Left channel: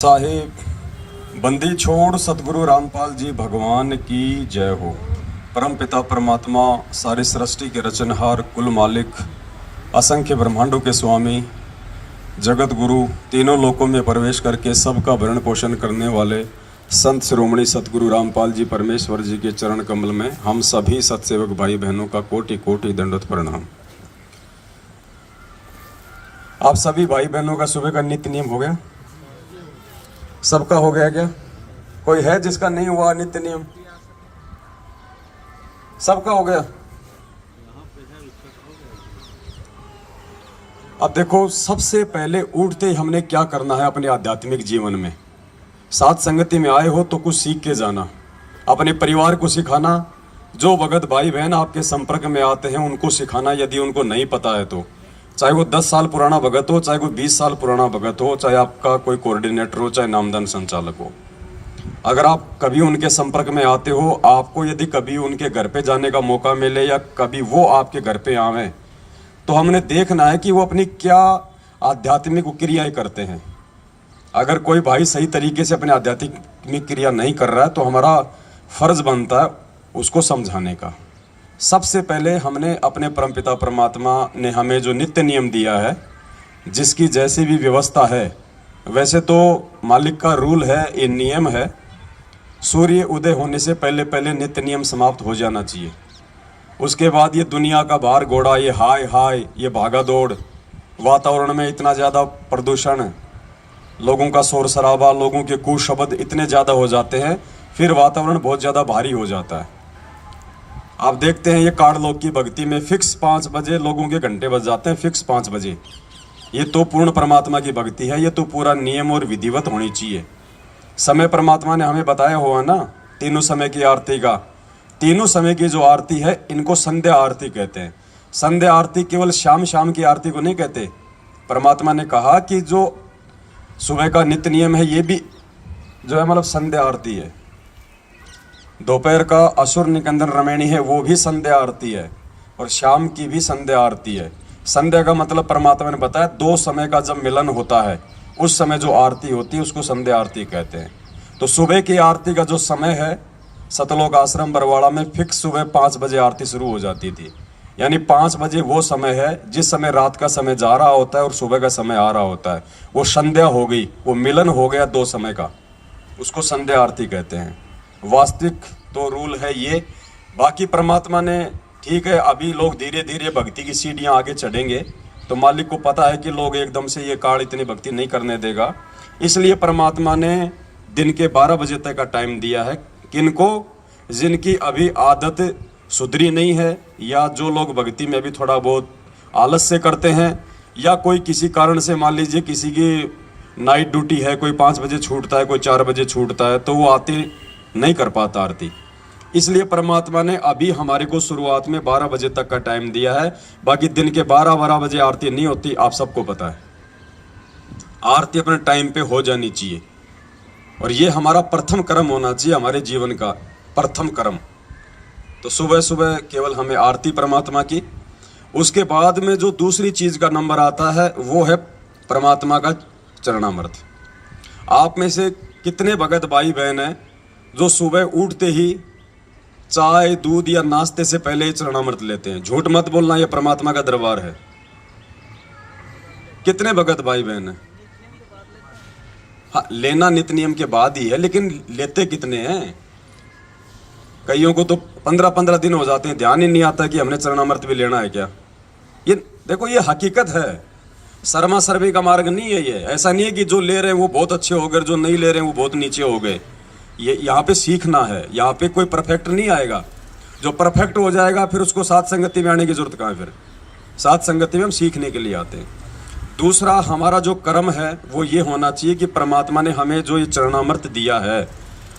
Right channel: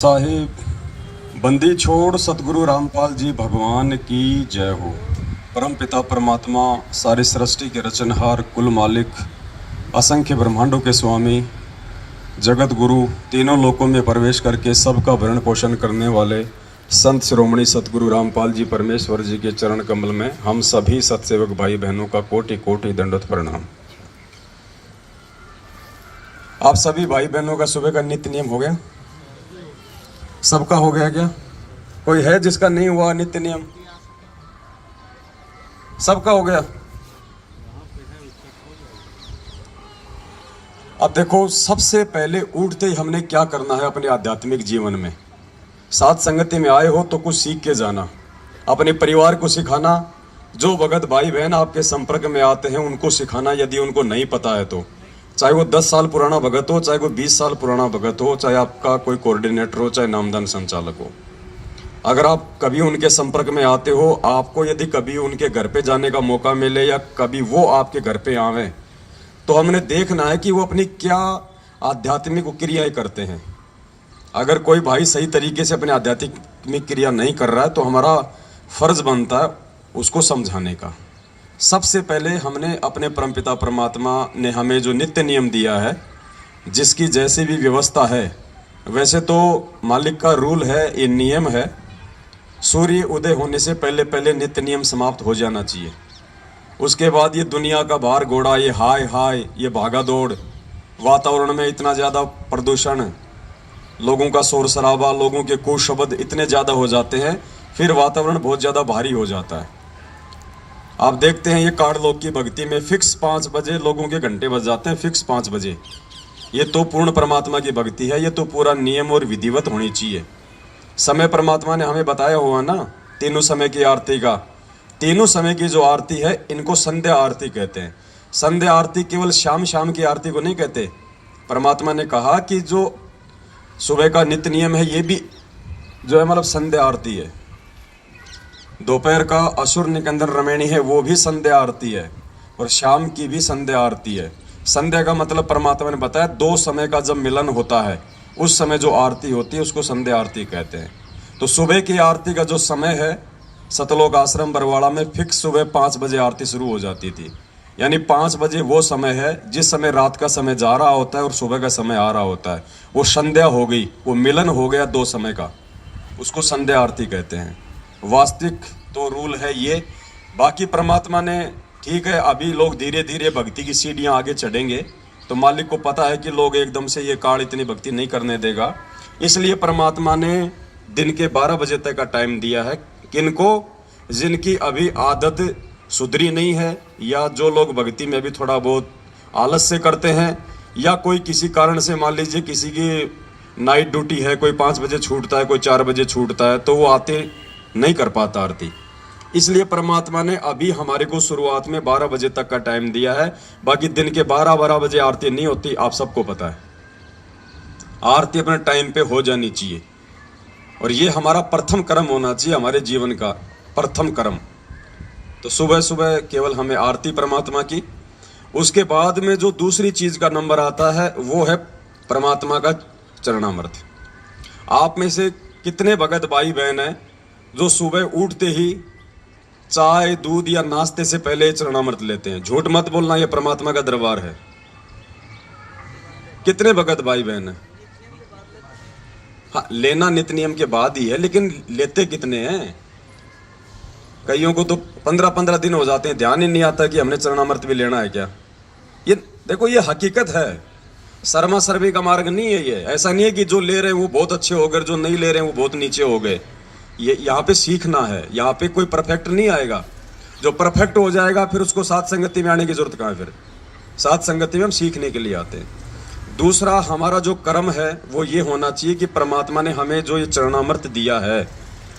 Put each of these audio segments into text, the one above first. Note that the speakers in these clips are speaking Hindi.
साहिब बंदी छोड़ सतगुरु रामपाल जी भगवान की जय हो। परम पिता परमात्मा सारी सृष्टि के रचनहार कुल मालिक असंख्य ब्रह्मांडों के स्वामी जगत गुरु तीनों लोकों में प्रवेश करके सबका भरण पोषण करने वाले संत शिरोमणि सतगुरु रामपाल जी परमेश्वर जी के चरण कमल में हम सभी सत्सेवक भाई बहनों का कोटि कोटि दंडवत प्रणाम। आप सभी भाई बहनों का सुबह का नित्य नियम हो गया? सबका हो गया क्या? कोई है जिसका नहीं हुआ नित्य नियम? सबका हो गया। अब देखो, सबसे पहले उठते ही हमने क्या करना है अपने आध्यात्मिक जीवन में। साथ संगति में आए हो तो कुछ सीख के जाना, अपने परिवार को सिखाना, जो भगत भाई बहन आपके संपर्क में आते हैं उनको सिखाना यदि उनको नहीं पता है तो। चाहे वो 10 साल पुराना भगत हो, चाहे वो 20 साल पुराना भगत हो, चाहे आपका कोई कोऑर्डिनेटर हो, चाहे नामदान संचालक हो। अगर आप कभी उनके संपर्क में आते हो, आपको यदि कभी उनके घर पे जाने का मौका मिले या कभी वो आपके घर पे आवे, तो हमने देखना है कि वो अपनी क्या आध्यात्मिक क्रियाएं करते हैं। अगर कोई भाई सही तरीके से अपने आध्यात्मिक क्रिया नहीं कर रहा है तो हमारा फर्ज बनता है उसको समझाने का। सबसे पहले हमने अपने परमपिता परमात्मा ने हमें जो नित्य नियम दिया है, जिसकी जैसी भी व्यवस्था है, वैसे तो मालिक का रूल है, ये नियम है, सूर्य उदय होने से पहले पहले नित्य नियम समाप्त हो जाना चाहिए। उसके बाद ये दुनिया का भार घोड़ा, ये हाय हाय, ये भागा दौड़, वातावरण में इतना ज़्यादा प्रदूषण, लोगों का शोर शराबा, लोगों के कुशब्द इतने ज़्यादा हो जाते हैं, फिर वातावरण बहुत ज़्यादा भारी हो जाता है। आप देखते हैं ये काड़ लोग की भक्ति में फिक्स 5 बजे लोगों के घंटे बज जाते हैं, फिक्स 5 बजे। ये तो पूर्ण परमात्मा की भक्ति है, ये तो पूरा नियम और विधिवत होनी चाहिए। समय परमात्मा ने हमें बताया हुआ ना, तीनों समय की आरती का। तीनों समय की जो आरती है इनको संध्या आरती कहते हैं। संध्या आरती केवल शाम शाम की आरती को नहीं कहते। परमात्मा ने कहा कि जो सुबह का नित्य नियम है ये भी जो है मतलब संध्या आरती है। दोपहर का असुर निकंदन रमैणी है, वो भी संध्या आरती है, और शाम की भी संध्या आरती है। संध्या का मतलब परमात्मा ने बताया 2 समय का जब मिलन होता है उस समय जो आरती होती है उसको संध्या आरती कहते हैं। तो सुबह की आरती का जो समय है, सतलोक आश्रम बरवाड़ा में फिक्स सुबह 5 बजे आरती शुरू हो जाती थी। यानी 5 बजे वो समय है जिस समय रात का समय जा रहा होता है और सुबह का समय आ रहा होता है। वो संध्या हो गई, वो मिलन हो गया 2 समय का, उसको संध्या आरती कहते हैं। वास्तविक तो रूल है ये। बाकी परमात्मा ने, ठीक है, अभी लोग धीरे धीरे भक्ति की सीढ़ियाँ आगे चढ़ेंगे, तो मालिक को पता है कि लोग एकदम से ये काल इतनी भक्ति नहीं करने देगा, इसलिए परमात्मा ने दिन के 12 बजे तक का टाइम दिया है। किनको? जिनकी अभी आदत सुधरी नहीं है, या जो लोग भक्ति में भी थोड़ा बहुत आलस से करते हैं, या कोई किसी कारण से, मान लीजिए किसी की नाइट ड्यूटी है, कोई 5 बजे छूटता है, कोई 4 बजे छूटता है, तो वो आते नहीं कर पाता आरती। इसलिए परमात्मा ने अभी हमारे को शुरुआत में 12 बजे तक का टाइम दिया है। बाकी दिन के 12 बजे आरती नहीं होती, आप सबको पता है। आरती अपने टाइम पे हो जानी चाहिए, और ये हमारा प्रथम कर्म होना चाहिए, हमारे जीवन का प्रथम कर्म। तो सुबह सुबह केवल हमें आरती परमात्मा की। उसके बाद में जो दूसरी चीज का नंबर आता है वो है परमात्मा का चरणामृत। आप में से कितने भगत भाई बहन हैं जो सुबह उठते ही चाय दूध या नाश्ते से पहले चरणामृत लेते हैं? झूठ मत बोलना, यह परमात्मा का दरबार है। कितने भगत भाई बहन हैं? हाँ, लेना नित्य नियम के बाद ही है, लेकिन लेते कितने हैं? कईयों को तो 15-15 दिन हो जाते हैं, ध्यान ही नहीं आता कि हमने चरणामृत भी लेना है क्या। ये देखो, ये हकीकत है, शर्मा सर्वे का मार्ग नहीं है ये। ऐसा नहीं है कि जो ले रहे हैं वो बहुत अच्छे हो गए, जो नहीं ले रहे हैं वो बहुत नीचे हो गए। ये यहाँ पे सीखना है, यहाँ पे कोई परफेक्ट नहीं आएगा। जो परफेक्ट हो जाएगा फिर उसको साथ संगति में आने की जरूरत कहाँ है? फिर साथ संगति में हम सीखने के लिए आते हैं। दूसरा, हमारा जो कर्म है वो ये होना चाहिए कि परमात्मा ने हमें जो ये चरणामृत दिया है,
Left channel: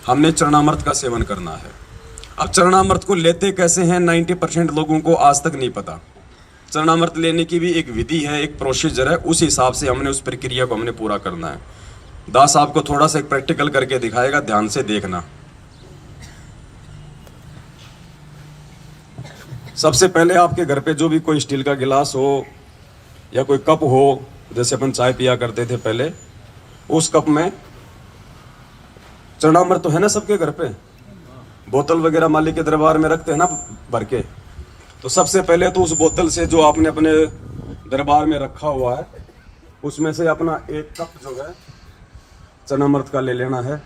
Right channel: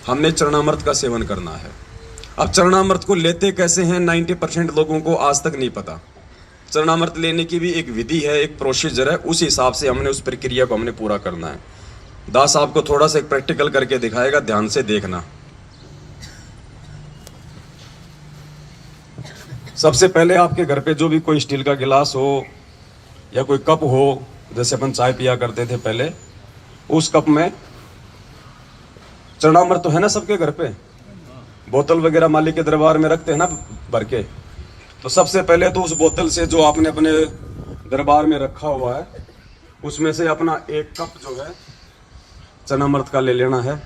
हमने चरणामृत का सेवन करना है। अब चरणामृत को लेते कैसे हैं 90% लोगों को आज तक नहीं पता। चरणामृत लेने की भी एक विधि है, एक प्रोसीजर है, उस हिसाब से हमने उस प्रक्रिया को हमने पूरा करना है। दास आपको थोड़ा सा एक प्रैक्टिकल करके दिखाएगा, ध्यान से देखना। सबसे पहले आपके घर पे जो भी कोई स्टील का गिलास हो या कोई कप हो, जैसे अपन चाय पिया करते थे पहले, उस कप में चरणामृत तो है ना सबके घर पे, बोतल वगैरह मालिक के दरबार में रखते हैं ना भर के। तो सबसे पहले तो उस बोतल से जो आपने अपने दरबार में रखा हुआ है उसमें से अपना एक कप जो है चरणामृत का ले लेना है,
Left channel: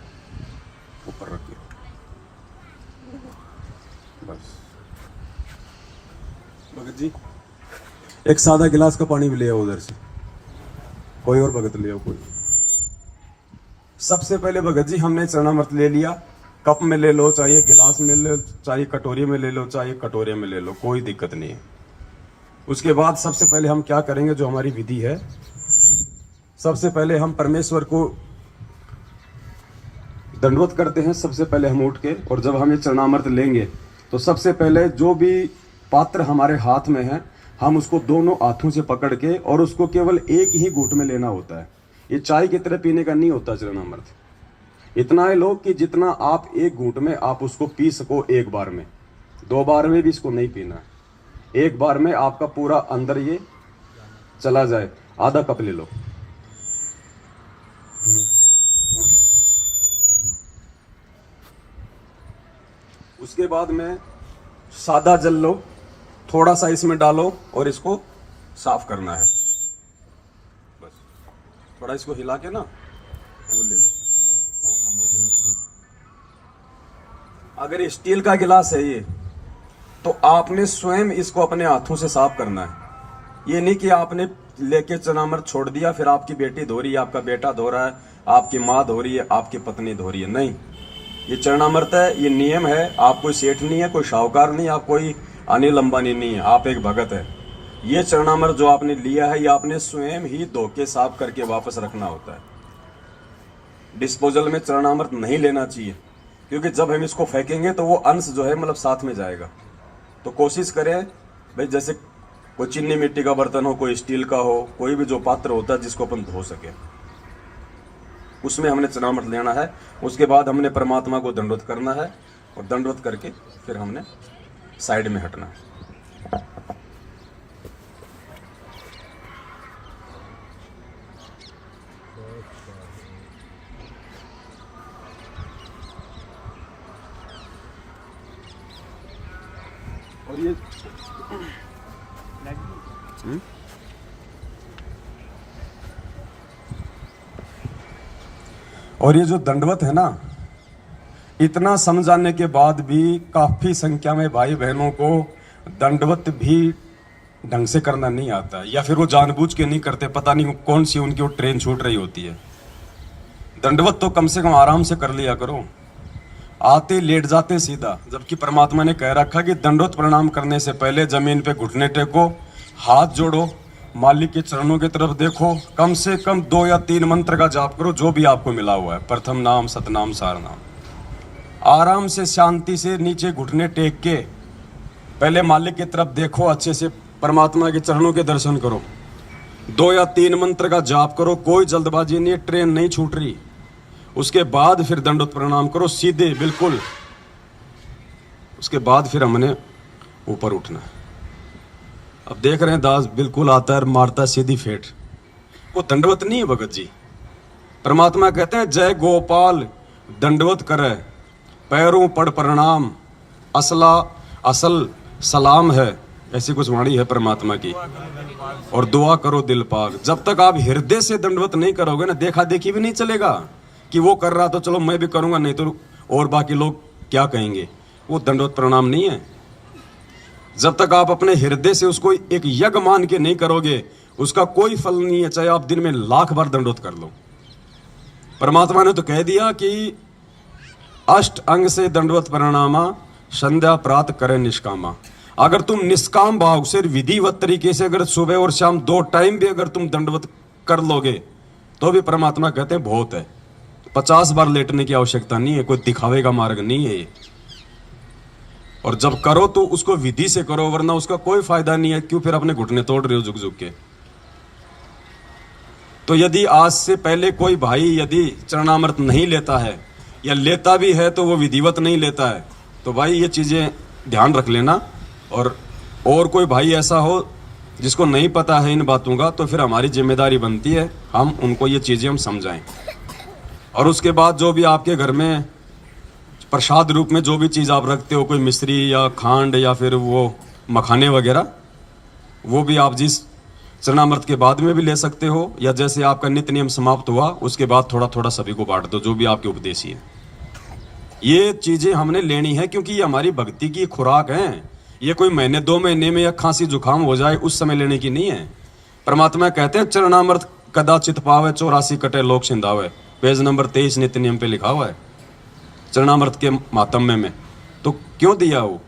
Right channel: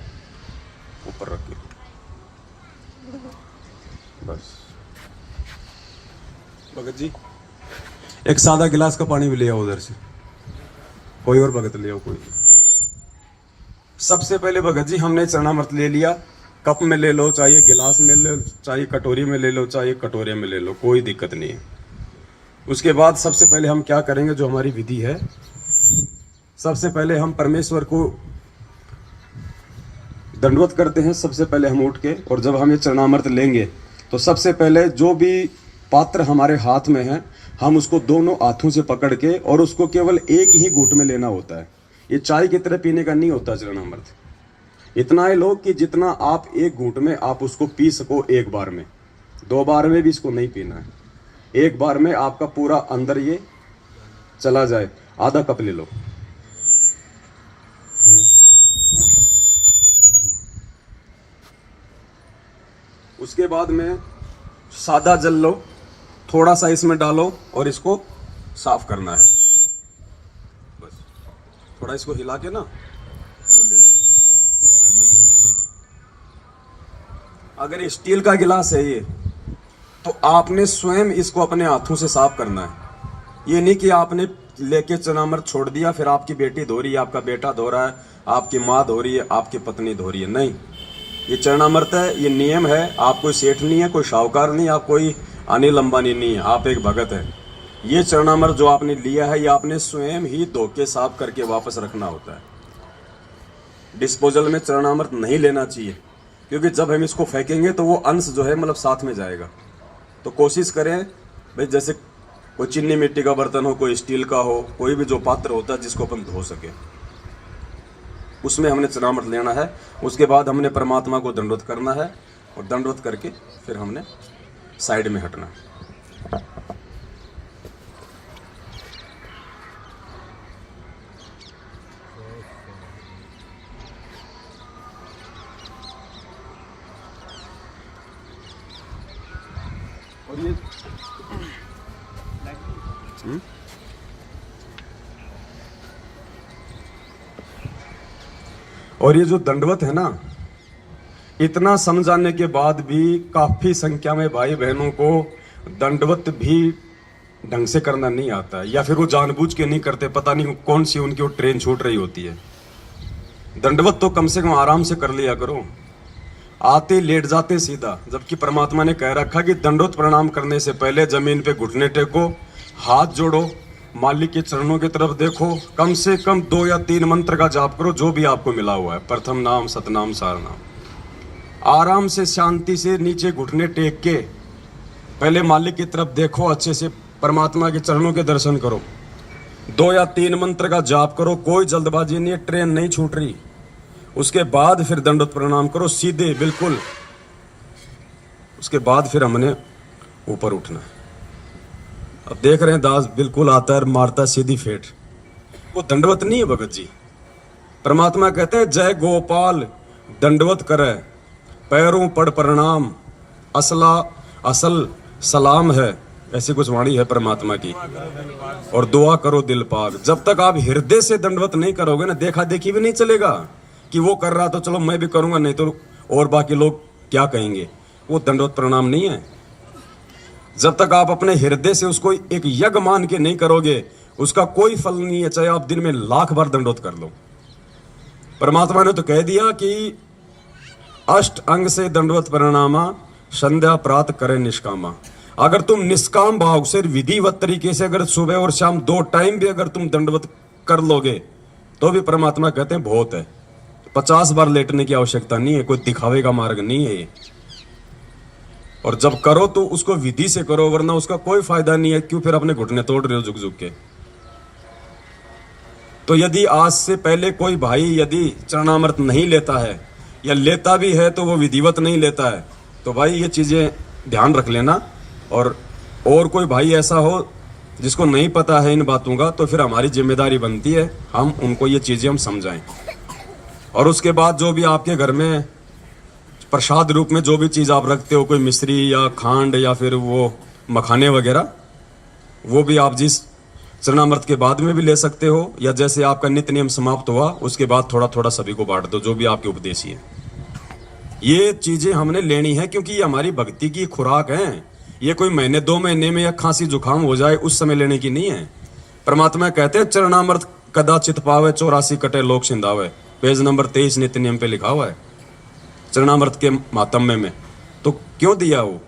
ऊपर रखिए बस। भगत जी एक सादा गिलास का पानी भी ले आओ उधर से, कोई और भगत ले आओ कोई। सबसे पहले भगत जी हमने चरणामृत ले लिया, कप में ले लो, चाहे गिलास में ले लो, चाहे कटोरी में ले लो, चाहे कटोरे में ले लो, कोई दिक्कत नहीं है। उसके बाद सबसे पहले हम क्या करेंगे, जो हमारी विधि है, सबसे पहले हम परमेश्वर को दंडवत करते हैं। सबसे पहले हम उठ के, और जब हम ये चरणामृत लेंगे तो सबसे पहले जो भी पात्र हमारे हाथ में है हम उसको दोनों हाथों से पकड़ के, और उसको केवल एक ही घूंट में लेना होता है। ये चाय की तरह पीने का नहीं होता चरणामृत। इतना है लोग कि जितना आप एक घूंट में आप उसको पी सको एक बार में, 2 बार में भी इसको नहीं पीना है। एक बार में आपका पूरा अंदर ये चला जाए। आधा कप ले लो, उसके बाद में सादा जल लो, थोड़ा सा इसमें डालो और इसको साफ करना है। बस थोड़ा इसको हिला के ना वो ले लो। अगर ये स्टील का गिलास है ये, तो आपने स्वयं इसको अपने हाथों से साफ करना है। ये नहीं कि आपने लेके चरणामृत छोड़ दिया, फिर आपकी बेटी धो रही है, आपका बेटा धो रहा है, आपकी माँ धो रही है, आपकी पत्नी धो रही है। नहीं, ये चरणामृत है, ये नियम है। आप कोई सेठ नहीं है, कोई शाहूकार नहीं, आप कोई अनिल अंबानी नहीं है, आप एक भगत है। ये चरणामृत जो आपने लिया है ये आपने स्वयं ही धो के साफ करके वापस रखना होता है। डिस्पोजल में चरणामृत नहीं लेना चाहिए, क्योंकि जब हम इसको फेंकेंगे तो वो अंश जो है मतलब साथ में जाएगा। तो कोशिश करें भाई, जैसे कोई चीनी मिट्टी का बर्तन हो, कोई स्टील का हो, कोई भी जो पात्र होता है जिसको अपन धो सके, उसमें हमने चरणामृत लेना है। उसके बाद हमने परमात्मा को दंडवत करना है, और दंडवत करके फिर हमने साइड में हटना। और ये और ये जो दंडवत है ना, इतना समझाने के बाद भी काफी संख्या में भाई बहनों को दंडवत भी ढंग से करना नहीं आता है, या फिर वो जानबूझ के नहीं करते, पता नहीं कौन सी उनकी वो ट्रेन छूट रही होती है। दंडवत तो कम से कम आराम से कर लिया करो, आते लेट जाते सीधा। जबकि परमात्मा ने कह रखा कि दंडवत प्रणाम करने से पहले जमीन पे घुटने टेको, हाथ जोड़ो, मालिक के चरणों की तरफ देखो, कम से कम 2 या 3 मंत्र का जाप करो, जो भी आपको मिला हुआ है, प्रथम नाम, सतनाम, सार नाम। आराम से शांति से नीचे घुटने टेक के पहले मालिक की तरफ देखो, अच्छे से परमात्मा के चरणों के दर्शन करो, 2 या 3 मंत्र का जाप करो, कोई जल्दबाजी नहीं है, ट्रेन नहीं छूट रही। उसके बाद फिर दंडवत प्रणाम करो सीधे बिल्कुल। उसके बाद फिर हमने ऊपर उठना। अब देख रहे हैं दास बिल्कुल आता है, मारता सीधी फेट। वो दंडवत नहीं है भगत जी। परमात्मा कहते हैं जय गोपाल दंडवत करे, पैरों पड़ प्रणाम, असला असल सलाम है, ऐसी कुछ वाणी है परमात्मा की। और दुआ करो दिल पाक। जब तक आप हृदय से दंडवत नहीं करोगे ना, देखा देखी भी नहीं चलेगा कि वो कर रहा तो चलो मैं भी करूंगा, नहीं तो और बाकी लोग क्या कहेंगे। वो दंडवत प्रणाम नहीं है। जब तक आप अपने हृदय से उसको एक यज्ञ मान के नहीं करोगे, उसका कोई फल नहीं है, चाहे आप दिन में 1,00,000 बार दंडवत कर लो। परमात्मा ने तो कह दिया कि अष्ट अंग से दंडवत प्रणामा, संध्या प्रात करे निष्कामा। अगर तुम निष्काम भाव से विधिवत तरीके से अगर सुबह और शाम 2 टाइम भी अगर तुम दंडवत कर लोगे तो भी परमात्मा कहते हैं बहुत है। 50 बार लेटने की आवश्यकता नहीं है, कोई दिखावे का मार्ग नहीं है ये। और जब करो तो उसको विधि से करो, वरना उसका कोई फायदा नहीं है। क्यों फिर अपने घुटने तोड़ रहे हो झुक झुक के। तो यदि आज से पहले कोई भाई यदि चरणामृत नहीं लेता है, या लेता भी है तो वो विधिवत नहीं लेता है, तो भाई ये चीजें ध्यान रख लेना। और कोई भाई ऐसा हो जिसको नहीं पता है इन बातों का, तो फिर हमारी जिम्मेदारी बनती है हम उनको ये चीजें हम समझाएं। और उसके बाद जो भी आपके घर में प्रसाद रूप में जो भी चीज़ आप रखते हो, कोई मिश्री या खांड या फिर वो मखाने वगैरह, वो भी आप जिस चरणामृत के बाद में भी ले सकते हो, या जैसे आपका नित्य नियम समाप्त हुआ उसके बाद थोड़ा थोड़ा सभी को बांट दो, जो भी आपके उपदेशी है। ये चीजें हमने लेनी है क्योंकि ये हमारी भक्ति की खुराक है। ये कोई महीने 2 महीने में या खांसी जुकाम हो जाए उस समय लेने की नहीं है। परमात्मा कहते हैं चरणामृत कदाचित पावे 84 कटे लोक सिंधावे, पेज नंबर 23 नित्य नियम पे लिखा हुआ है चरणामृत के मातम्य में। तो क्यों दिया? वो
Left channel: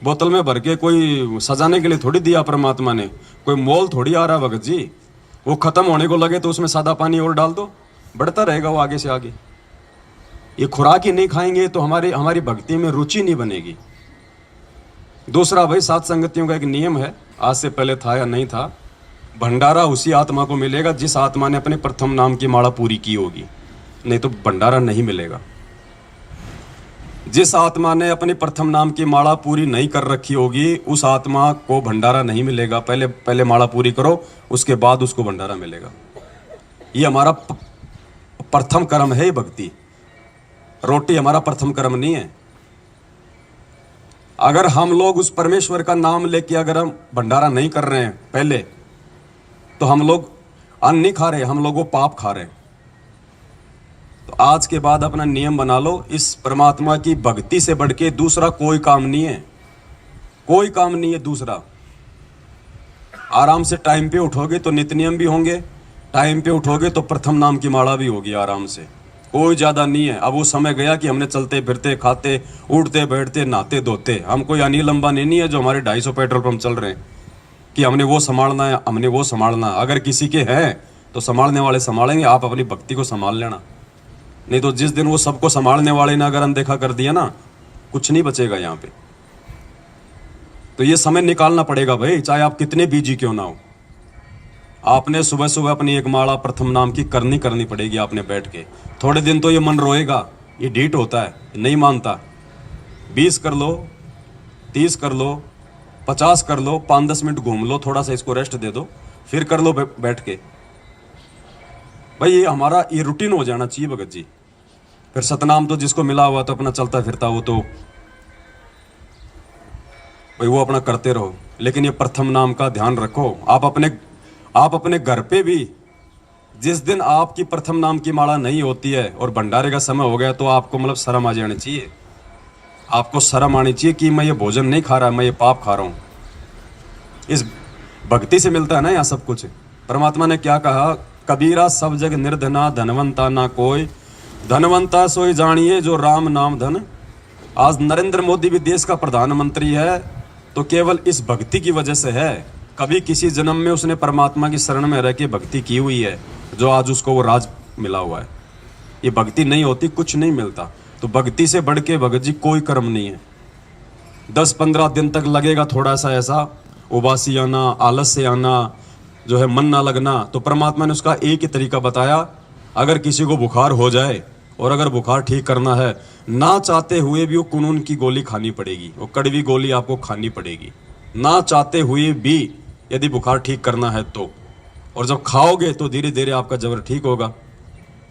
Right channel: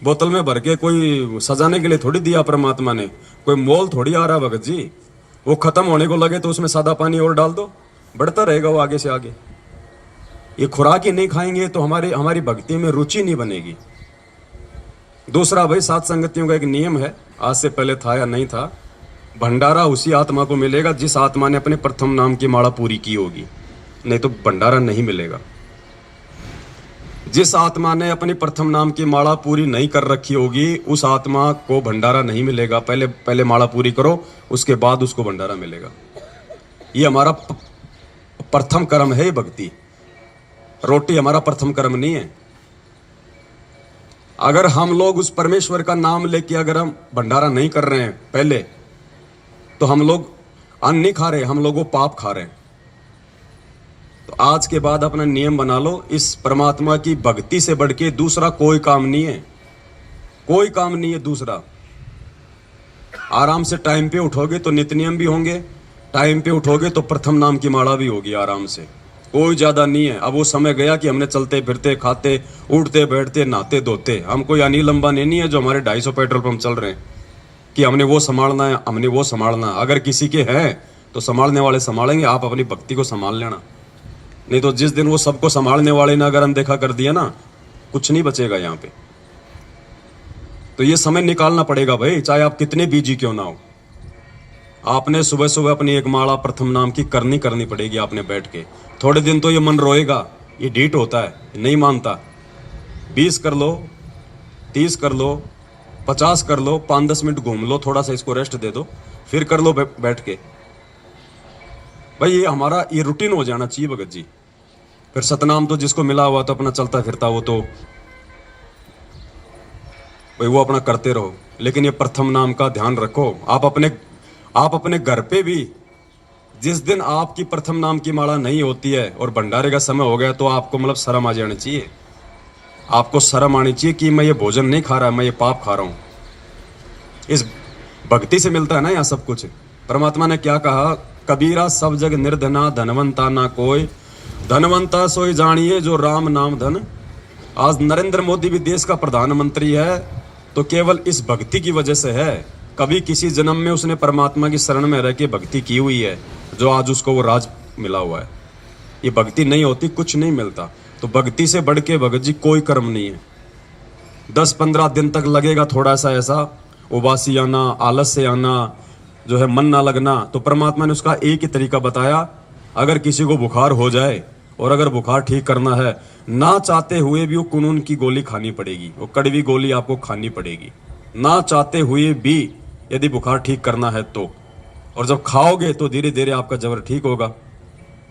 बोतल में भर के कोई सजाने के लिए थोड़ी दिया परमात्मा ने, कोई मोल थोड़ी आ रहा भगत जी। वो खत्म होने को लगे तो उसमें सादा पानी और डाल दो, बढ़ता रहेगा वो आगे से आगे। ये खुराक ही नहीं खाएंगे तो हमारी भक्ति में रुचि नहीं बनेगी। दूसरा भाई, सात संगतियों का एक नियम है, आज से पहले था या नहीं था, भंडारा उसी आत्मा को मिलेगा जिस आत्मा ने अपने प्रथम नाम की माला पूरी की होगी, नहीं तो भंडारा नहीं मिलेगा। जिस आत्मा ने अपनी प्रथम नाम की माला पूरी नहीं कर रखी होगी उस आत्मा को भंडारा नहीं मिलेगा। पहले माला पूरी करो, उसके बाद उसको भंडारा मिलेगा। ये हमारा प्रथम कर्म है भक्ति। रोटी हमारा प्रथम कर्म नहीं है। अगर हम लोग उस परमेश्वर का नाम लेके अगर हम भंडारा नहीं कर रहे हैं पहले, तो हम लोग अन्न नहीं खा रहे, हम लोग वो पाप खा रहे हैं। तो आज के बाद अपना नियम बना लो, इस परमात्मा की भक्ति से बढ़ के दूसरा कोई काम नहीं है, कोई काम नहीं है दूसरा। आराम से टाइम पे उठोगे तो नित्य नियम भी होंगे, टाइम पे उठोगे तो प्रथम नाम की माला भी होगी आराम से। कोई ज्यादा नहीं है। अब वो समय गया कि हमने चलते फिरते खाते उठते बैठते नहाते धोते, हम कोई अनिल अंबानी नहीं है जो हमारे 250 पेट्रोल पंप चल रहे हैं कि हमने वो संभालना है, हमने वो संभालना। अगर किसी के हैं तो संभालने वाले संभालेंगे, आप अपनी भक्ति को संभाल लेना। नहीं तो जिस दिन वो सबको संभालने वाले ने अगर अनदेखा कर दिया ना, कुछ नहीं बचेगा यहाँ पे। तो ये समय निकालना पड़ेगा भाई, चाहे आप कितने बिजी क्यों ना हो। आपने सुबह सुबह अपनी एक माला प्रथम नाम की करनी पड़ेगी आपने बैठ के। थोड़े दिन तो ये मन रोएगा, ये ढीठ होता है, नहीं मानता। 20 कर लो, 30 कर लो, 50 कर लो, 5-10 मिनट घूम लो, थोड़ा सा इसको रेस्ट दे दो, फिर कर लो बैठ के। भाई ये हमारा ये रूटीन हो जाना चाहिए भगत जी। फिर सतनाम तो जिसको मिला हुआ तो अपना चलता फिरता वो तो भाई वो अपना करते रहो, लेकिन ये प्रथम नाम का ध्यान रखो। आप अपने घर पे भी जिस दिन आपकी प्रथम नाम की माला नहीं होती है और भंडारे का समय हो गया तो आपको मतलब शर्म आ जानी चाहिए। आपको शर्म आनी चाहिए कि मैं ये भोजन नहीं खा रहा, मैं ये पाप खा रहा हूं। इस भक्ति से मिलता है ना यहाँ सब कुछ। परमात्मा ने क्या कहा, कबीरा सब जग निर्धना धनवंता ना कोई, धनवंता सोई जानिए जो राम नाम धन। आज नरेंद्र मोदी भी देश का प्रधानमंत्री है तो केवल इस भक्ति की वजह से है। कभी किसी जन्म में उसने परमात्मा की शरण में रह के भक्ति की हुई है जो आज उसको वो राज मिला हुआ है। ये भक्ति नहीं होती कुछ नहीं मिलता। तो भक्ति से बढ़ के भगत जी कोई कर्म नहीं है। 10-15 दिन तक लगेगा थोड़ा सा ऐसा उबासी आना, आलस से आना, जो है मन ना लगना, तो परमात्मा ने उसका एक ही तरीका बताया। अगर किसी को बुखार हो जाए और अगर बुखार ठीक करना है, ना चाहते हुए भी वो कुनून की गोली खानी पड़ेगी, वो कड़वी गोली आपको खानी पड़ेगी, ना चाहते हुए भी यदि बुखार ठीक करना है तो। और जब खाओगे तो धीरे धीरे आपका जबर ठीक होगा।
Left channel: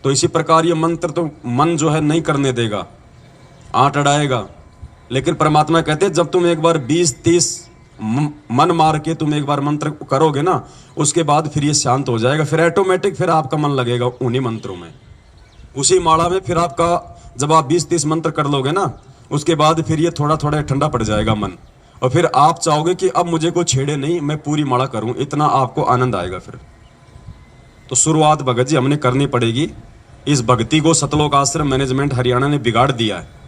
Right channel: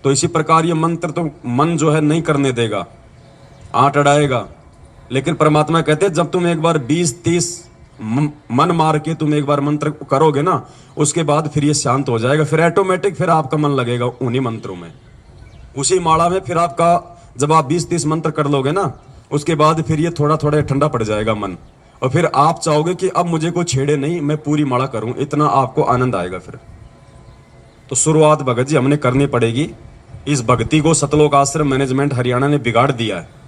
तो इसी प्रकार ये मंत्र तो मन जो है नहीं करने देगा, आंट अड़ाएगा। लेकिन परमात्मा कहते हैं जब तुम एक बार 20-30 मन मार के तुम एक बार मंत्र करोगे ना, उसके बाद फिर ये शांत हो जाएगा। फिर ऑटोमेटिक फिर आपका मन लगेगा उन्हीं मंत्रों में, उसी माला में। फिर आपका जब आप 20-30 मंत्र कर लोगे ना, उसके बाद फिर ये थोड़ा थोड़ा ठंडा पड़ जाएगा मन, और फिर आप चाहोगे कि अब मुझे कोई छेड़े नहीं, मैं पूरी माला करूं, इतना आपको आनंद आएगा फिर। तो शुरुआत भगत जी हमने करनी पड़ेगी। इस भक्ति को सतलोक आश्रम मैनेजमेंट हरियाणा ने बिगाड़ दिया है।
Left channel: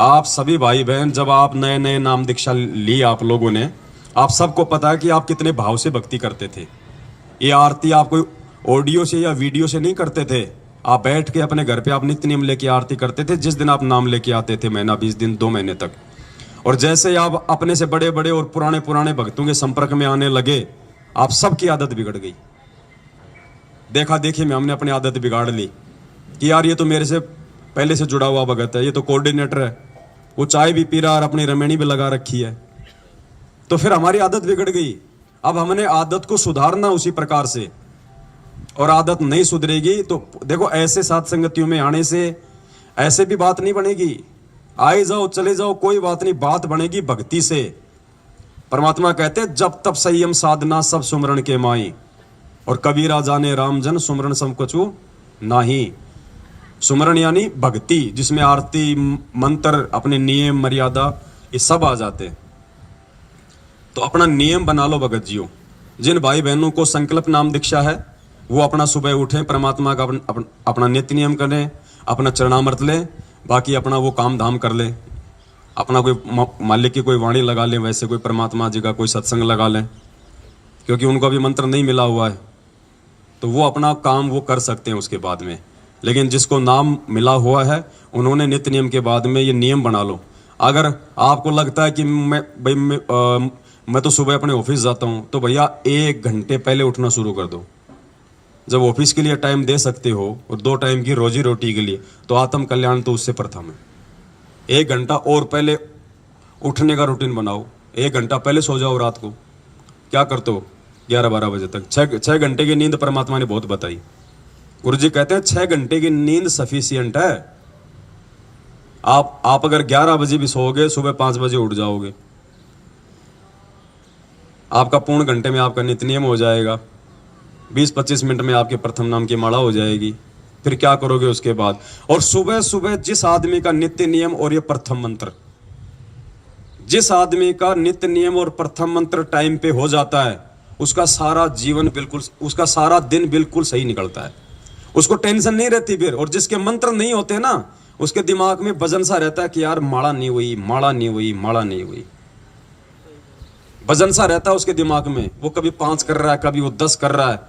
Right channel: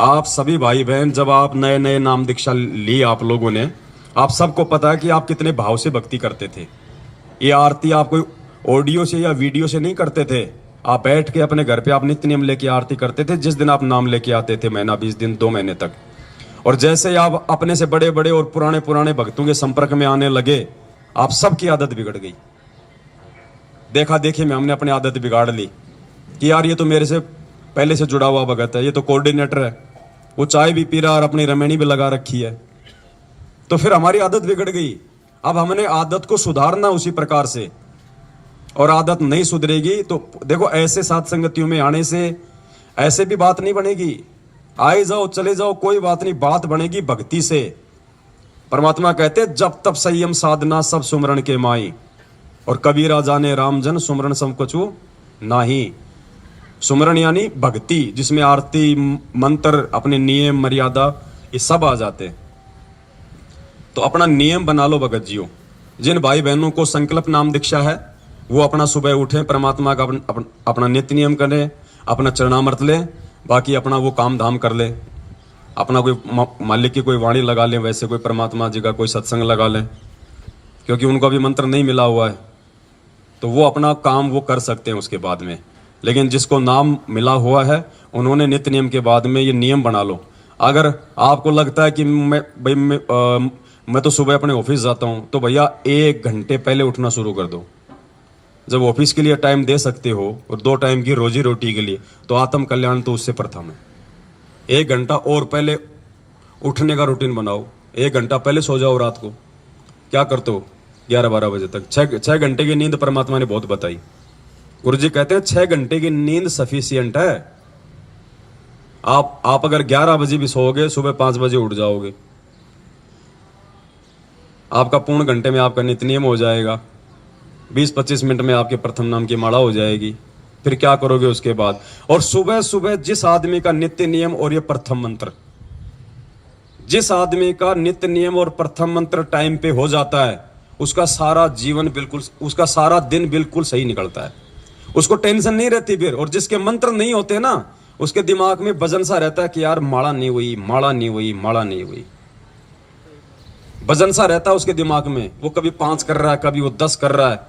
आप सभी भाई बहन, जब आप नए नए नाम दीक्षा ली आप लोगों ने, आप सबको पता है कि आप कितने भाव से भक्ति करते थे। ये आरती आप कोई ऑडियो से या वीडियो से नहीं करते थे, आप बैठ के अपने घर पे आप नित्य नियम लेके आरती करते थे। जिस दिन आप नाम लेके आते थे, महीना 20 दिन 2 महीने तक, और जैसे आप अपने से बड़े बड़े और पुराने भक्तों के संपर्क में आने लगे, आप सबकी आदत बिगड़ गई। देखा देखी में हमने अपनी आदत बिगाड़ ली कि यार ये तो मेरे से पहले से जुड़ा हुआ भगत है, ये तो कोऑर्डिनेटर है, वो चाय भी पी रहा और अपनी रमेणी भी लगा रखी है। तो फिर हमारी आदत बिगड़ गई। अब हमने आदत को सुधारना उसी प्रकार से। और आदत नहीं सुधरेगी तो देखो ऐसे साथ संगतियों में आने से ऐसे भी बात नहीं बनेगी। आए जाओ चले जाओ कोई बात नहीं, बात बनेगी भक्ति से। परमात्मा कहते हैं जब तब संयम साधना सब सुमरण के माई, और कबीरा जाने राम जन सुमरण सब कछु नाही। सुमरण यानी भक्ति, जिसमें आरती मंत्र अपने नियम मर्यादा ये सब आ जाते हैं। तो अपना नियम बना लो भगत जियो। जिन भाई बहनों को संकल्प नाम दीक्षा है वो अपना सुबह उठें, परमात्मा का अपना नित्य नियम करें, अपना चरणामृत लें, बाकी अपना वो काम धाम कर लें। अपना कोई मालिक की कोई वाणी लगा लें, वैसे कोई परमात्मा जी का कोई सत्संग लगा लें, क्योंकि उनको भी मंत्र नहीं मिला हुआ है तो वो अपना काम वो कर सकते हैं उसके बाद में। लेकिन जिसको नाम मिला हुआ है उन्होंने नित्य नियम के बाद में ये नियम बना लो। अगर आपको लगता है कि मैं तो सुबह अपने ऑफिस जाता हूं, तो भैया 1 घंटे पहले उठना शुरू कर दो। जब ऑफिस के लिए टाइम दे सकते हो और 2 टाइम की रोजी रोटी के लिए, तो आत्म कल्याण तो उससे प्रथम है। 1 घंटा और पहले उठने का रूटीन बनाओ। 1 घंटा पहले सो जाओ रात को। क्या करते हो 11-12 बजे तक? 6 घंटे की नींद परमात्मा ने बहुत बताई। गुरु जी कहते हैं 6 घंटे की नींद सफिशियंट है। आप अगर 11 बजे भी सोओगे, सुबह 5 बजे उठ जाओगे, आपका पूर्ण घंटे में आपका नित्य नियम हो जाएगा। 20-25 मिनट में आपके प्रथम नाम की माला हो जाएगी। फिर क्या करोगे उसके बाद? और सुबह सुबह जिस आदमी का नित्य नियम और ये प्रथम मंत्र, जिस आदमी का नित्य नियम और प्रथम मंत्र टाइम पे हो जाता है, उसका सारा जीवन बिल्कुल, उसका सारा दिन बिल्कुल सही निकलता है। उसको टेंशन नहीं रहती फिर। और जिसके मंत्र नहीं होते ना, उसके दिमाग में वजन सा रहता है कि यार माला नहीं हुई, माला नहीं हुई, माला नहीं हुई। वजन सा रहता है उसके दिमाग में। वो कभी 5 कर रहा है, कभी वो 10 कर रहा है,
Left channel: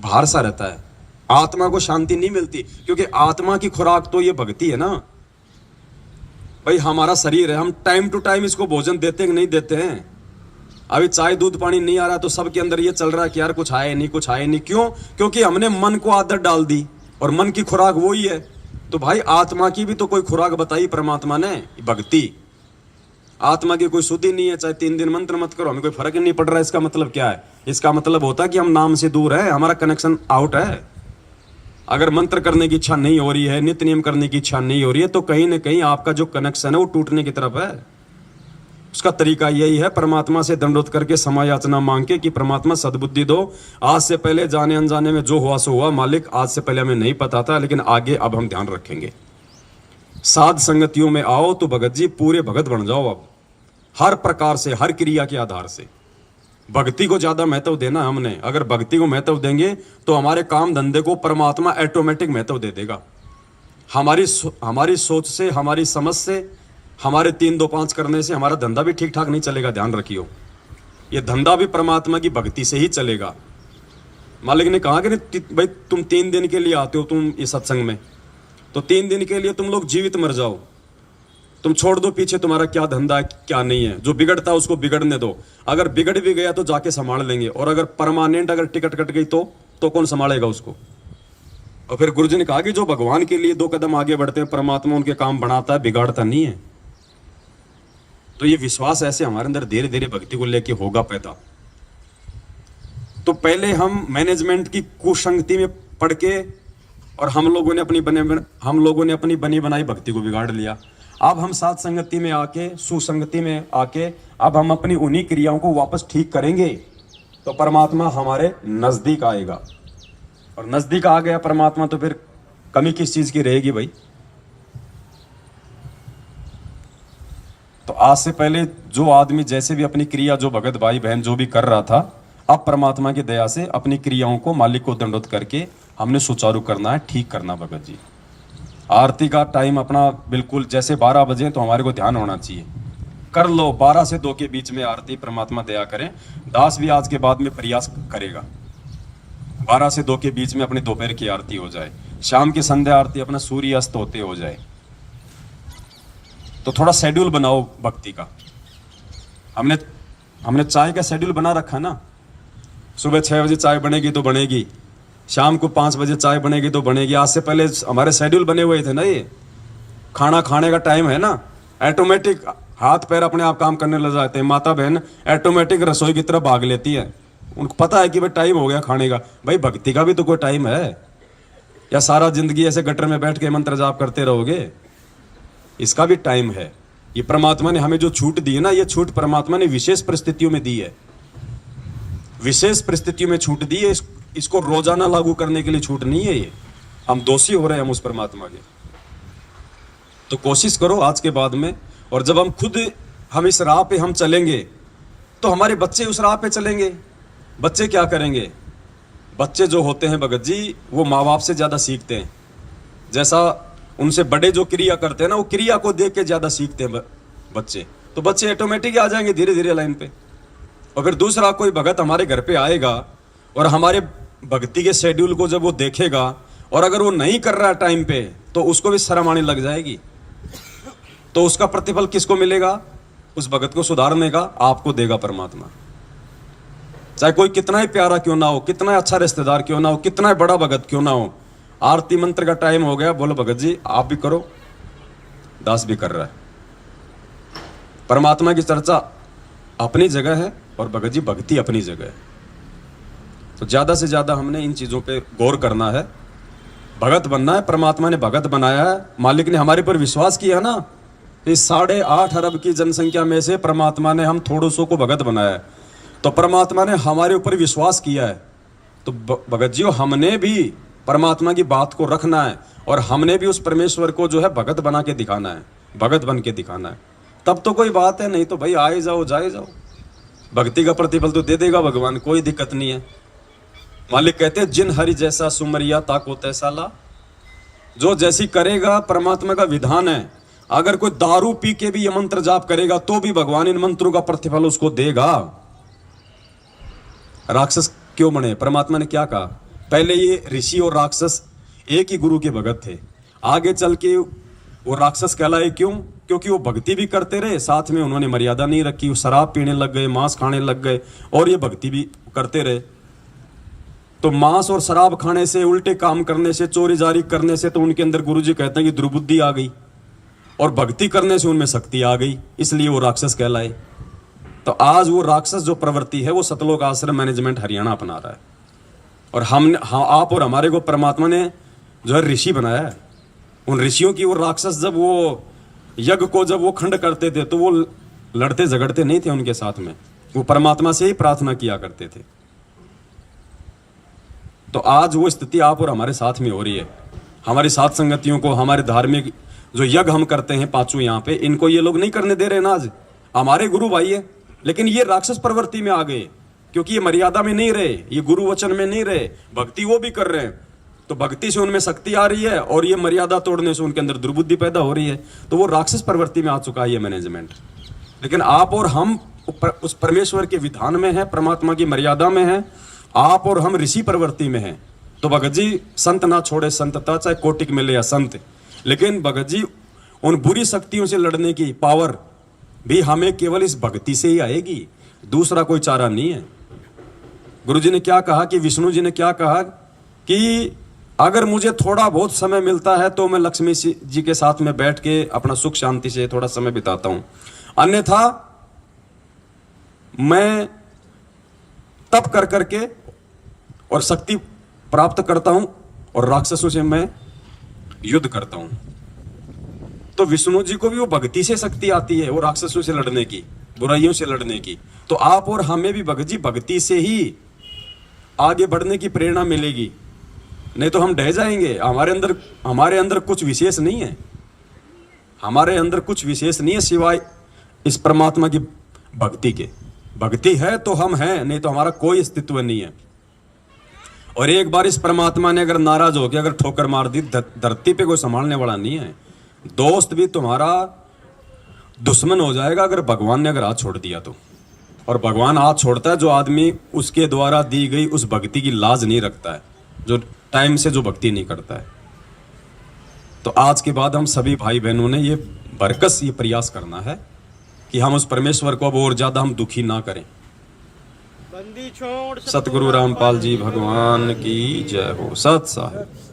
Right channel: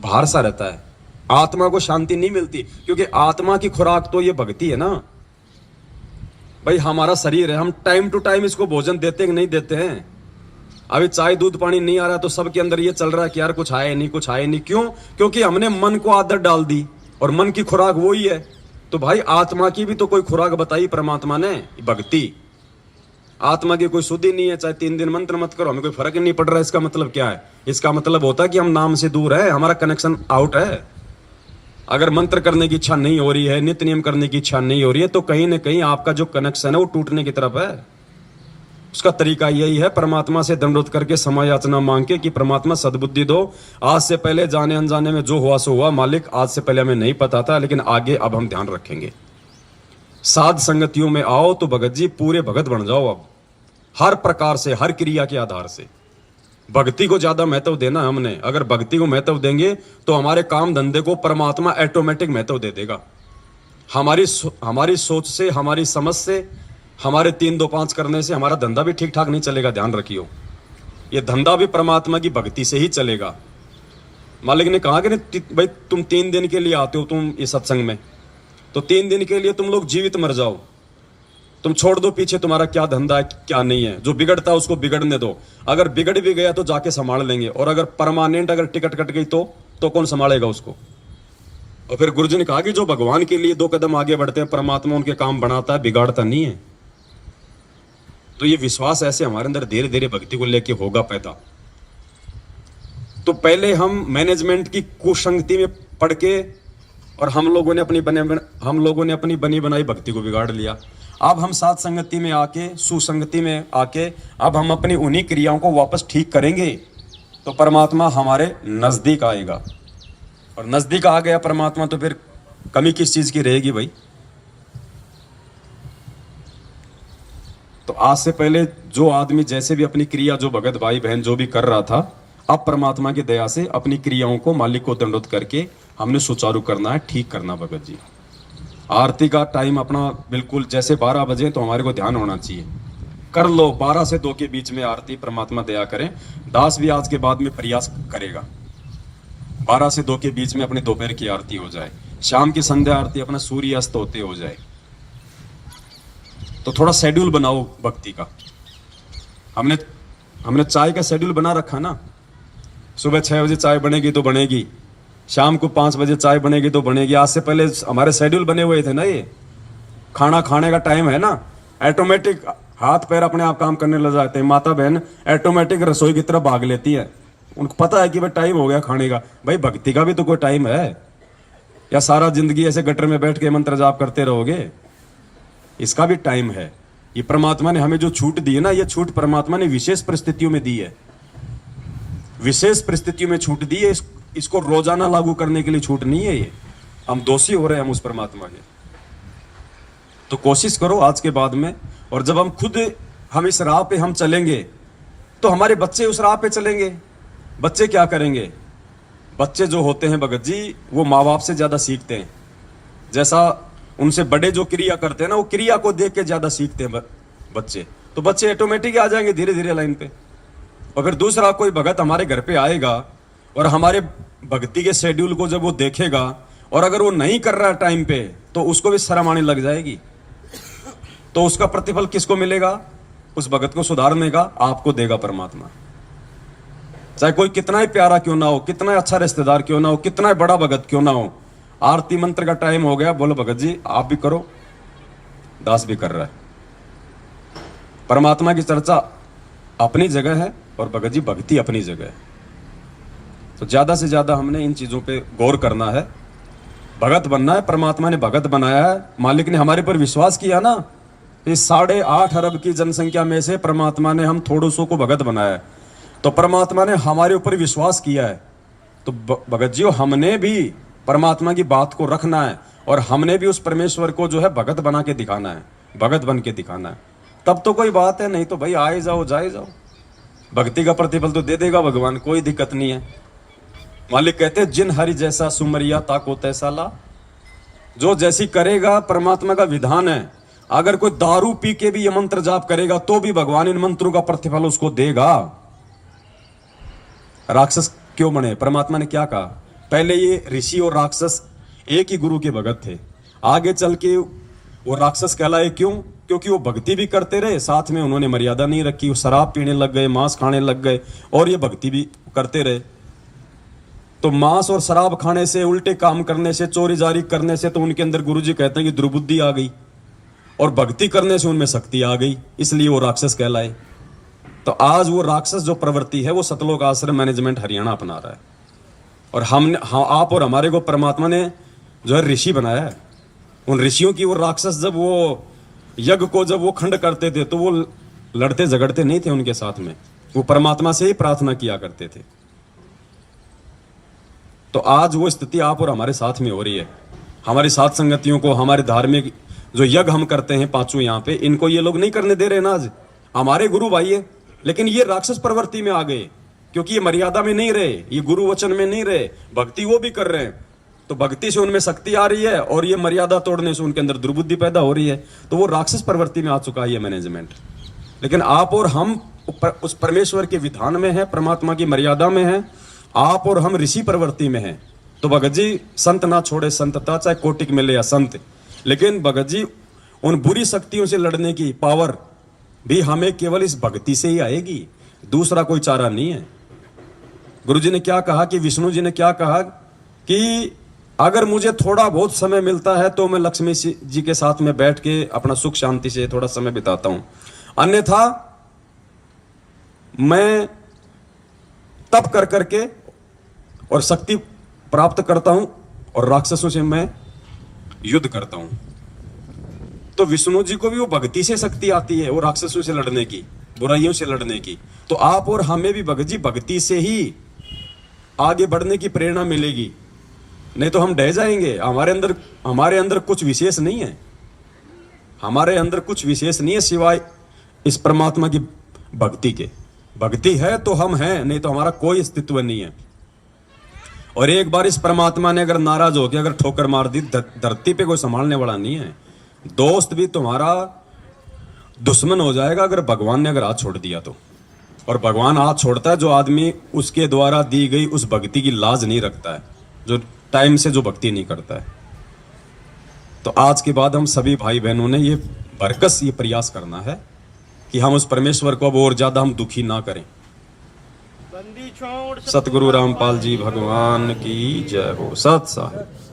भार सा रहता है। आत्मा को शांति नहीं मिलती, क्योंकि आत्मा की खुराक तो ये भक्ति है ना भाई। हमारा शरीर है, हम टाइम टू टाइम इसको भोजन देते कि नहीं देते हैं? अभी चाय दूध पानी नहीं आ रहा तो सबके अंदर ये चल रहा है कि यार कुछ आए नहीं, कुछ आए नहीं। क्यों? क्योंकि हमने मन को आदत डाल दी, और मन की खुराक वो ही है। तो भाई आत्मा की भी तो कोई खुराक बताई परमात्मा ने, भक्ति। आत्मा की कोई शुद्धि नहीं है, चाहे 3 दिन मंत्र मत करो, हमें कोई फर्क ही नहीं पड़ रहा है। इसका मतलब क्या है? इसका मतलब होता है कि हम नाम से दूर है, हमारा कनेक्शन आउट है। अगर मंत्र करने की इच्छा नहीं हो रही है, नित्य नियम करने की इच्छा नहीं हो रही है, तो कहीं ना कहीं आपका जो कनेक्शन है वो टूटने की तरफ है। उसका तरीका यही है, परमात्मा से दंडोत करके क्षमा याचना मांग के कि परमात्मा सद्बुद्धि दो। आज से पहले जाने अनजाने में जो हुआ सो हुआ, मालिक आज से पहले हमें नहीं पता था, लेकिन आगे अब हम ध्यान रखेंगे। साध संगतियों में आओ तो भगत जी पूरे भगत बन जाओ। अब हर प्रकार से, हर क्रिया के आधार से भक्ति को ज्यादा महत्व देना है हमने। अगर भक्ति को महत्व देंगे तो हमारे काम धंधे को परमात्मा ऑटोमेटिक महत्व दे देगा। हमारी सोच से, हमारी समझ से, हमारे 3-2-5 करने से हमारा धंधा भी ठीक ठाक नहीं चलेगा। ध्यान रखियो, ये धंधा भी परमात्मा की भक्ति से ही चलेगा। मालिक ने कहा कि भाई तुम 3 दिन के लिए आते हो तुम इस सत्संग में, तो 3 दिन के लिए तुम लोग जीवित मर जाओ। तुम छोड़ दो पीछे तुम्हारा क्या धंधा है क्या नहीं है। जो बिगड़ता है उसको बिगड़ने दो। अगर बिगड़ भी गया तो जाके संभाल लेंगे, और अगर परमानेंट अगर टिकट कट गई तो कौन संभालेगा उसको? और फिर गुरुजी ने कहा कि जो भगवान के लिए 2 कदम आगे बढ़ते हैं, परमात्मा उनके काम बनाता है, बिगाड़ता नहीं है। तो ये विश्वास ऐसे हमारे अंदर धीरे धीरे भक्ति को लेके होगा पैदा। तो पहले हम मैनेजमेंट की कुसंगति में पड़ के, और हम लोगों ने अपनी बनी बनाई भक्ति को बिगाड़ लिया। अब हम साथ संगति में आके, सुसंगति में आके, अब हम अपनी उन्हीं क्रियाओं को वापस ठीक करेंगे तो परमात्मा हमारे नजदीक आएगा। और नजदीक आ गया परमात्मा तो फिर कमी किस चीज की रहेगी भाई? तो आज से पहले जो आदमी जैसे भी अपनी क्रिया, जो भगत भाई बहन जो भी कर रहा था, अब परमात्मा की दया से अपनी क्रियाओं को मालिक को दंडोत करके हमने सुचारू करना है, ठीक करना। भगत जी आरती का टाइम अपना बिल्कुल जैसे 12 बजे तो हमारे को ध्यान होना चाहिए। कर लो 12 से 2 के बीच में आरती, परमात्मा दया करें। दास भी आज के बाद में प्रयास करेगा 12 से 2 के बीच में अपनी दोपहर की आरती हो जाए, शाम की संध्या आरती अपना सूर्य अस्त होते हो जाए। तो थोड़ा शेड्यूल बनाओ भक्ति का। हमने चाय का शेड्यूल बना रखा ना, सुबह 6 बजे चाय बनेगी तो बनेगी, शाम को 5 बजे चाय बनेगी तो बनेगी। आज से पहले हमारे शेड्यूल बने हुए थे ना, ये खाना खाने का टाइम है ना, ऑटोमेटिक हाथ पैर अपने आप काम करने लग जाते हैं। माता बहन ऑटोमेटिक रसोई की तरफ भाग लेती है, उनको पता है कि भाई टाइम हो गया खाने का। भाई भक्ति का भी तो कोई टाइम है, या सारा जिंदगी ऐसे गटर में बैठ के मंत्र जाप करते रहोगे? इसका भी टाइम है। ये परमात्मा ने हमें जो छूट दी है ना, ये छूट परमात्मा ने विशेष परिस्थितियों में दी है, विशेष परिस्थितियों में छूट दी है। इसको रोजाना लागू करने के लिए छूट नहीं है। ये हम दोषी हो रहे हैं हम उस परमात्मा के। तो कोशिश करो आज के बाद में, और जब हम इस राह पे हम चलेंगे तो हमारे बच्चे उस राह पे चलेंगे। बच्चे क्या करेंगे? बच्चे जो होते हैं भगत जी, वो माँ बाप से ज्यादा सीखते हैं। जैसा उनसे बड़े जो क्रिया करते हैं ना, वो क्रिया को देख के ज्यादा सीखते हैं बच्चे। तो बच्चे ऑटोमेटिक आ जाएंगे धीरे धीरे लाइन पे। और फिर दूसरा कोई भगत हमारे घर पे आएगा और हमारे भक्ति के शेड्यूल को जब वो देखेगा, और अगर वो नहीं कर रहा टाइम पे, तो उसको भी शर्म आने लग जाएगी। तो उसका प्रतिफल किसको मिलेगा? उस भगत को सुधारने का आपको देगा परमात्मा। चाहे कोई कितना ही प्यारा क्यों ना हो, कितना अच्छा रिश्तेदार क्यों ना हो, कितना ही बड़ा भगत क्यों ना हो। आरती मंत्र का टाइम हो गया, बोलो भगत जी आप भी करो, दास भी कर रहा है। परमात्मा की चर्चा अपनी जगह है और भगत जी भक्ति अपनी जगह है। तो ज्यादा से ज्यादा हमने इन चीजों पे गौर करना है। भगत बनना है, परमात्मा ने भगत बनाया है। मालिक ने हमारे पर विश्वास किया ना, इस 8.5 अरब की जनसंख्या में से परमात्मा ने हम थोड़ों सौ को भगत बनाया है। तो परमात्मा ने हमारे ऊपर विश्वास किया है। तो भगत जी हमने भी परमात्मा की बात को रखना है, और हमने भी उस परमेश्वर को जो है भगत बना के दिखाना है, भगत बन के दिखाना है। तब तो कोई बात है, नहीं तो भाई आए जाओ जाए जाओ, भक्ति का प्रतिफल तो दे देगा भगवान, कोई दिक्कत नहीं है। मालिक कहते हैं जिन हरि जैसा सुमरिया ताको तैसा ला। जो जैसी करेगा, परमात्मा का विधान है। अगर कोई दारू पी के भी ये मंत्र जाप करेगा तो भी भगवान इन मंत्रों का प्रतिफल उसको देगा। राक्षस क्यों बने? परमात्मा ने क्या कहा? पहले ये ऋषि और राक्षस एक ही गुरु के भगत थे। आगे चल के वो राक्षस कहलाए क्यों? क्योंकि वो भक्ति भी करते रहे, साथ में उन्होंने मर्यादा नहीं रखी। वो शराब पीने लग गए, मांस खाने लग गए, और ये भक्ति भी करते रहे। तो मांस और शराब खाने से, उल्टे काम करने से, चोरी जारी करने से तो उनके अंदर गुरुजी कहते हैं कि दुर्बुद्धि आ गई, और भक्ति करने से उनमें शक्ति आ गई, इसलिए वो राक्षस कहलाए। तो आज वो राक्षस जो प्रवृत्ति है वो सतलोक आश्रम मैनेजमेंट हरियाणा अपना रहा है। और आप और हमारे को परमात्मा ने जो है ऋषि बनाया है। उन ऋषियों की वो राक्षस जब वो यज्ञ को जब वो खंड करते थे तो वो लड़ते झगड़ते नहीं थे उनके साथ में, वो परमात्मा से ही प्रार्थना किया करते थे। तो आज वो स्थिति आप और हमारे साथ में हो रही है। हमारी साथ संगतियों को, हमारे धार्मिक जो यज्ञ हम करते हैं पांचों यहाँ पे, इनको ये लोग नहीं करने दे रहे ना। आज हमारे गुरु भाई है, लेकिन ये राक्षस प्रवृत्ति में आ गए, क्योंकि ये मर्यादा में नहीं रहे, ये गुरु वचन में नहीं रहे। भक्ति वो भी कर रहे हैं, तो भक्ति से उनमें शक्ति आ रही है, और ये मर्यादा तोड़ने से उनके अंदर दुर्बुद्धि पैदा हो रही है। तो वो राक्षस प्रवृत्ति में आ चुका है ये मैनेजमेंट। लेकिन आप और हम उस परमेश्वर के विधान में है, परमात्मा की मर्यादा में है। आप और हम ऋषि प्रवृत्ति में है। तो भगत जी संत ना छोड़े संतता, चाहे कोटिक मिले या संत। लेकिन भगत जी उन बुरी शक्तियों से लड़ने की पावर भी हमें केवल इस भक्ति से ही आएगी, दूसरा कोई चारा नहीं है। गुरु जी ने क्या कहा कि विष्णु जी ने क्या कहा कि अगर मुझे थोड़ा बहुत समय मिलता है तो मैं लक्ष्मी जी के साथ में बैठ के अपना सुख शांति से थोड़ा समय बिताता हूं, अन्यथा मैं तप कर करके और शक्ति प्राप्त करता हूं और राक्षसों से मैं युद्ध करता हूं। तो विष्णु जी को भी वो भक्ति से शक्ति आती है, वो राक्षसों से लड़ने की, बुराइयों से लड़ने की। तो आप और हमें भी भगत जी भक्ति से ही आगे बढ़ने की प्रेरणा मिलेगी, नहीं तो हम ढह जाएंगे। हमारे अंदर कुछ विशेष नहीं है, हमारे अंदर कुछ विशेष नहीं है सिवाय इस परमात्मा की भक्ति के। भक्ति है तो हम हैं, नहीं तो हमारा कोई अस्तित्व नहीं है। और एक बार इस परमात्मा ने अगर नाराज होकर अगर ठोकर मार दी, धरती पे कोई संभालने वाला नहीं है। दोस्त भी तुम्हारा दुश्मन हो जाएगा अगर भगवान ने अगर हाथ छोड़ दिया तो। और भगवान हाथ छोड़ता है जो आदमी उसके द्वारा दी गई उस भक्ति की लाज नहीं रखता है, जो टाइम से जो भक्ति नहीं करता है। तो आज के बाद हम सभी भाई बहनों ने ये बरकस ये प्रयास करना है कि हम उस परमेश्वर को अब और ज्यादा हम दुखी ना करें। सतगुरु रामपाल जी भगवान की जय हो। सत साहिब।